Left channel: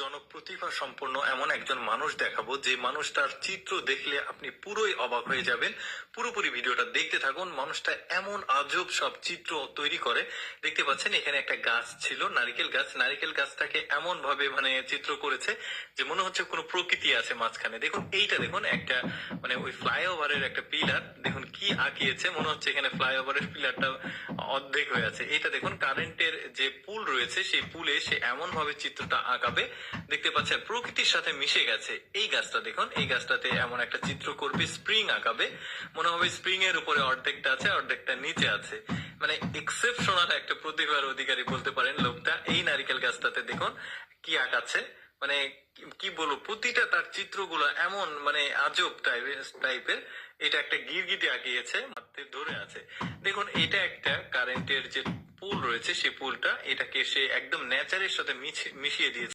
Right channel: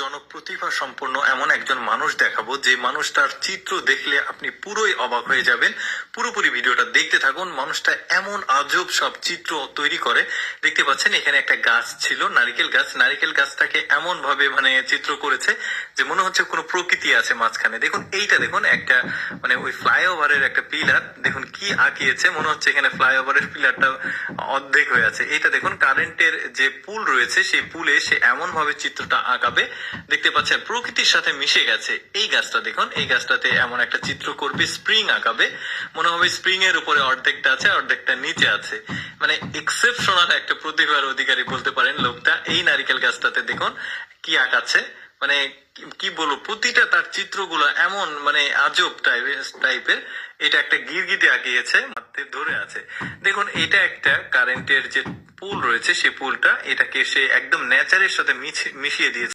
জনক প্রতিভা সম্পন্ন এমন একজন মানুষ দেখাবো যে মানুষটার চিত্র দেখলে আপনি পুরোই অবাক হয়ে যাবেন। পুরোপুরি ভিডিওটা দেখতে থাকুন। মানুষটা এমন আজব সব চিত্র তৈরি করে। দেখতে পাচ্ছেন এখানে একটা গাছ ছিল, নারিকেল গাছ। নারিকেল গাছটাকে এমন ভাবে চিত্র করেছে যে মনে হচ্ছে কোনো প্রকৃতি আছে মাঝখানে। দেখুন এইটা, দেখুন একটা ওই ফ্লাইওভারের একটা পিলার, দেখুন কি আঁকিয়েছে, মনে হচ্ছে এখানে ফ্লাইওভারের পিলারটা অর্ধেক হয়ে আছে। এইটা দেখুন কারেন্টের যে পুল রয়েছে, সেই পুলে সে এমন ভাবে চিত্রটা আঁকাবে, দেখতে পাচ্ছেন প্রকৃতির সাথে মিশে গেছে। এই গাছটা দেখুন, এই গাছটাতে এমন একটা চিত্র করবে, স্প্রিং আঁকাবে, মনে হবে স্প্রিং এর উপরে অর্ধেকটা আছে, অর্ধেকটা নিচে আছে। এক্সেপশনাল একটা প্রতিভার অধিকারী বলতে পারেন লোকটা। এই নারিকেল গাছটাতে দেখুন কি আঁকাচ্ছে, কি বলবো, প্রতিটা তার চিত্রগুলো এমন আজব টাইপের। এটা একটা গিরগিটি আঁকিয়েছে, মাথাতে ধরে আছে। দেখুন এটা একটা কারেন্টের যে পুল রয়েছে, সেই পুলটা, এটাকে সে একদম নেচারের সাথে মিশিয়ে দিয়েছে।